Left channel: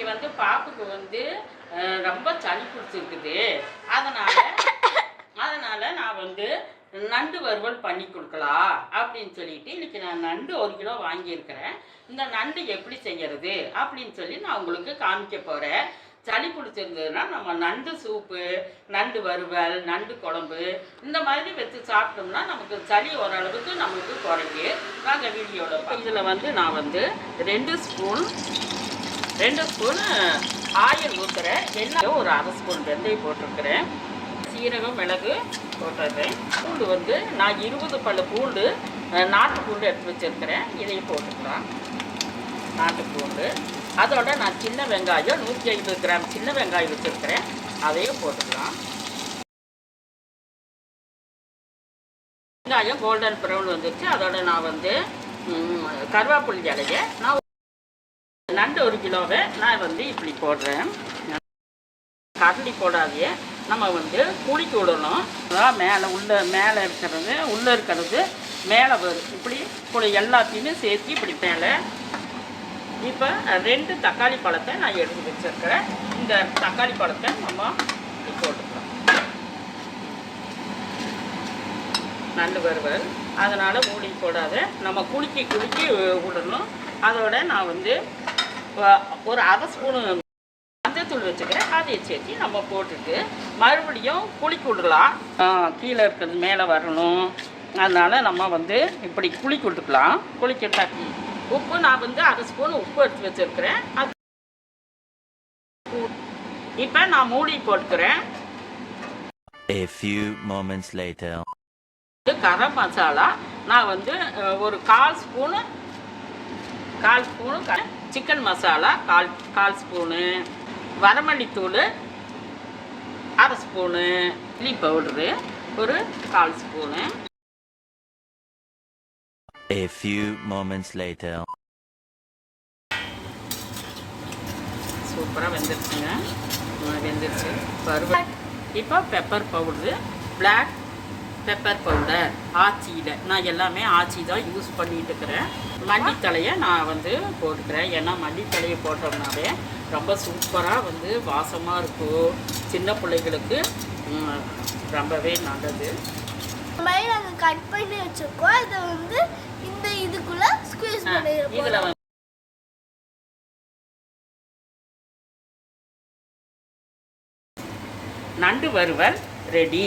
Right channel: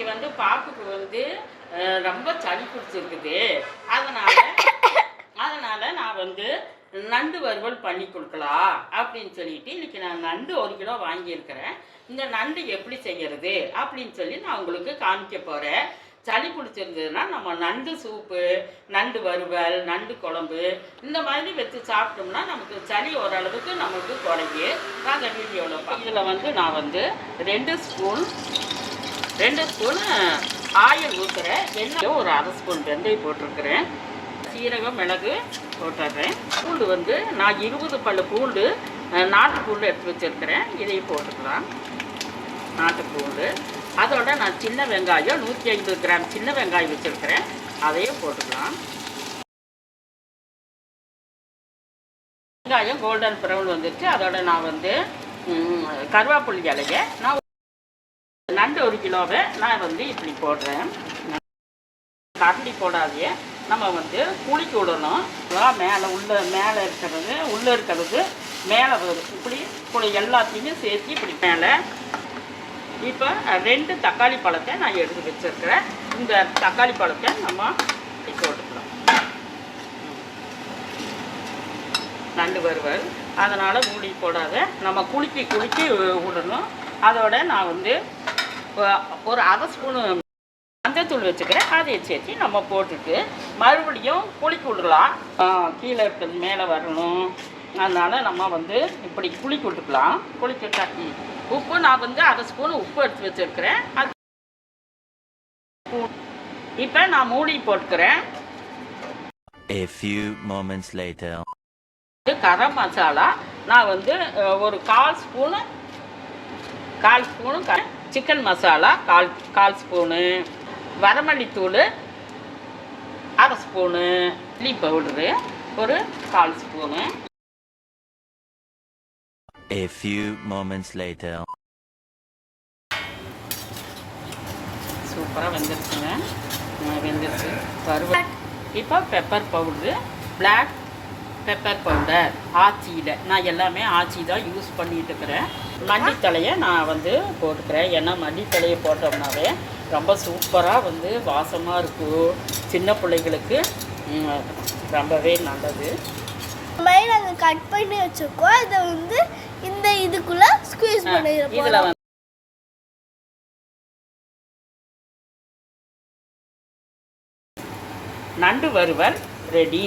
இன்னைக்கு வந்து பாப்புக்கு வந்து ரொம்ப சளி பிடிச்சிருக்குது. அதனால அதனால நான் வந்து நண்டு வறுவல் பண்ணி கொடுக்கலாம் அப்படின்னு சொல்லிட்டு இன்னைக்கு நான் நண்டு 1 கிலோ வாங்கியிருக்கிறேன். இந்த நண்டு எப்படி செய்யறது அப்படின்னு சொல்லி நான் உங்களுக்கு காமிக்க போகிறேன். சளி பிடிச்சிருந்ததுன்னா நம்ம நண்டு சூப்பு, நண்டு வறுவல், நண்டு குழம்பு இந்த மாதிரி வச்சு சாப்பிட்டோம்னா நமக்கு சளி ஓரளவுக்கு நமக்கு குறையும். நாங்கள் வீடியோவில் இதில் வந்து நான் வந்து 2 ஸ்பூன் ஆயில் ஊற்றுறேன். எண்ணெய் ஒரு 1/2 ஸ்பூன் வெந்தயம் போட்டிருக்கிறேன். சீரகம், மிளகு போட்டுறேன். பூண்டு வந்து நான் 20 பல்லு பூண்டு, நாட்டு பூண்டு எடுத்து வச்சுருக்கிறேன். இதையும் போட்டுக்கலாம். நாட்டு பூண்டு அதோட நான் சின்ன வெங்காயம் 150 கிராம் சின்ன வெங்காயம் வச்சுருக்கிறேன். அதையும் போட்டுக்கலாம். வெங்காயம் கோல்டன் ப்ரௌன் வந்துருச்சு. அதோட நான் வந்து கருவேப்பிலை இலையை நான் நண்டு 1 கிலோவை நான் வந்து இப்படி போடுறேன். கரண்டி போடாதே நம்ம வந்து குளிக்க விடணும். மேலே இருக்கிறது மேலே வரும். இப்படி எல்லாத்தையுமே சேர்த்து இப்படி மேலே. இப்போ 2 தக்காளி பழத்தை நான் எடுத்து வச்சுருக்கிறேன். இந்த தக்காளி பழத்தை நம்ம போட்டுக்கலாம். நண்டு வறுவல் அதனால் மூடி போடாத நம்ம குலுக்கி விடணும். அதோட நான் வந்து ஒரு 1/2 ஸ்பூனு மஞ்சத்தூள் வச்சுக்கிறேன். அதை சேர்த்து நம்ம போட்டுட்டு மறுபடியும் குலுக்கி விடலாம். கீழே இருக்கிறது மேலே வரணும். அதனால் நம்ம வந்து இப்படி குலுக்கி விட்டுக்கலாம். குலுக்கிட்டா உப்பு நான் வந்து 1/2 ஸ்பூன் உப்பு எடுத்து வச்சுருக்கிறேன். அது இப்போ நான் மூடி போட்டுக்கிறேன். A few moments later. Garam masala நான் வந்து ஒரு 1/4 ஸ்பூனு சிக்கன் மசாலா 1/4 ஸ்பூனு, வரமல்லித்தூள் 1/2 ஸ்பூனு, சில்லி பவுடரு ஒரு 1/4 spoon. A few moments later. சூப்பராக வெந்துருச்சுங்க. வெந்துருச்சு வறுவல். இப்போ pepper powder, black pepper powder ஆச்சியில் நான் எல்லாமே ஆச்சி தான் யூஸ் பண்ணிட்டு இருக்கிறேன். மல்லித்தலையை நான் வந்து போட்டுக்கிறேன். ஏன்னா மல்லித்தலையை போட்டோம்னாவே ரொம்ப சூப்பராக வந்து வாசமாக இருக்கும். சின்ன பிள்ளைகளுக்கு ரொம்பவே நல்லது. நாங்கள் கட் பண்ணி வச்சுருக்கோம். அதை வந்து இந்த இதுக்குள்ளே ஸ்குவீஸ் பண்ணி இதில் வந்து நண்டு வறுவல் ரெடி.